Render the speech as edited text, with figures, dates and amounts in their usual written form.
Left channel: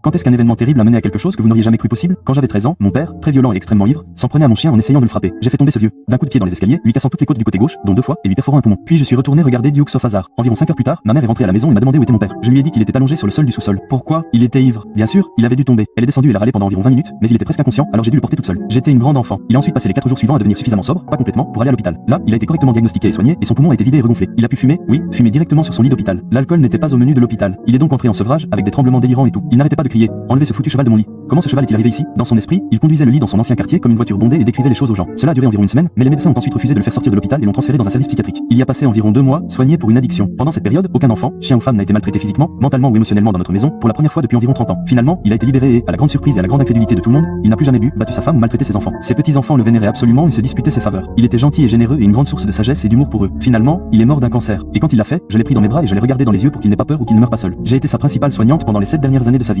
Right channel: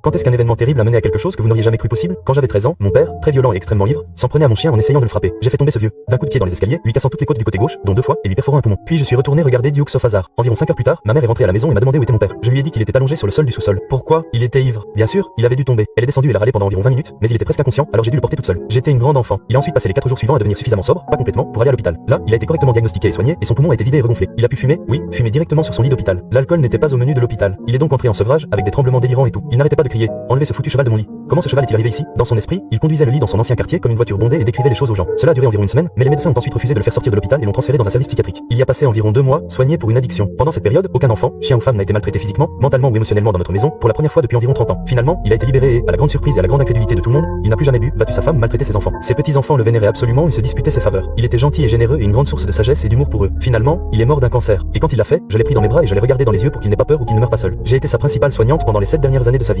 Quand est-ce qu'un événement terrible a mené à quelque chose que vous n'auriez jamais cru possible? Quand j'avais 13 ans, mon père, très violent et extrêmement ivre, s'en prenait à mon chien en essayant de le frapper. J'ai fait tomber ce vieux, d'un coup de pied dans les escaliers, lui cassant toutes les côtes du côté gauche, dont 2 fois, et lui perforant un poumon. Puis je suis retourné regarder Duke sauf hasard. Environ 5 heures plus tard, ma mère est rentrée à la maison et m'a demandé où était mon père. Je lui ai dit qu'il était allongé sur le sol du sous-sol. Pourquoi? Il était ivre. Bien sûr, il avait dû tomber. Elle est descendue et l'a râlé pendant environ 20 minutes, mais il était presque inconscient, alors j'ai dû le porter toute seule. J'étais une grande enfant. Il a ensuite passé les 4 jours suivants à devenir suffisamment sobre, pas complètement, pour aller à l'hôpital. Là, il a été correctement diagnostiqué et soigné, et son poumon a été vidé et regonflé. Il a pu fumer, oui, fumer directement sur son lit d'hôpital. L'alcool n'était pas au menu de l'hôpital. Il est donc entré en sevrage avec des tremblements délirants et tout. Il n'arrêtait pas de crier: enlevez ce foutu cheval de mon lit. Comment ce cheval est-il arrivé ici? Dans son esprit, il conduisait le lit dans son ancien quartier comme une voiture bondée et décrivait les choses aux gens. Cela a duré environ une semaine, mais les médecins ont ensuite refusé de le faire sortir de l'hôpital et l'ont transféré dans un service psychiatrique. Il y a passé environ 2 mois, soigné pour une addiction. Pendant cette période, aucun enfant, chien ou femme n'a été maltraité physiquement, mentalement ou émotionnellement dans notre maison, pour la première fois depuis environ 30 ans. Finalement, il a été libéré et, à la grande surprise et à la grande incrédulité de tout le monde, il n'a plus jamais bu, battu sa femme ou maltraité ses enfants. Ses petits-enfants le vénéraient absolument et se disputaient ses faveurs. Il était gentil et généreux et une grande source de sagesse et d'humour pour eux. Finalement, il est mort d'un cancer. Et quand il l'a fait, je l'ai pris dans mes bras et je l'ai regardé dans les yeux pour qu'il n'ait pas peur ou qu'il ne meure pas seul. J'ai été sa principale soignante pendant les 7 dernières années de sa vie.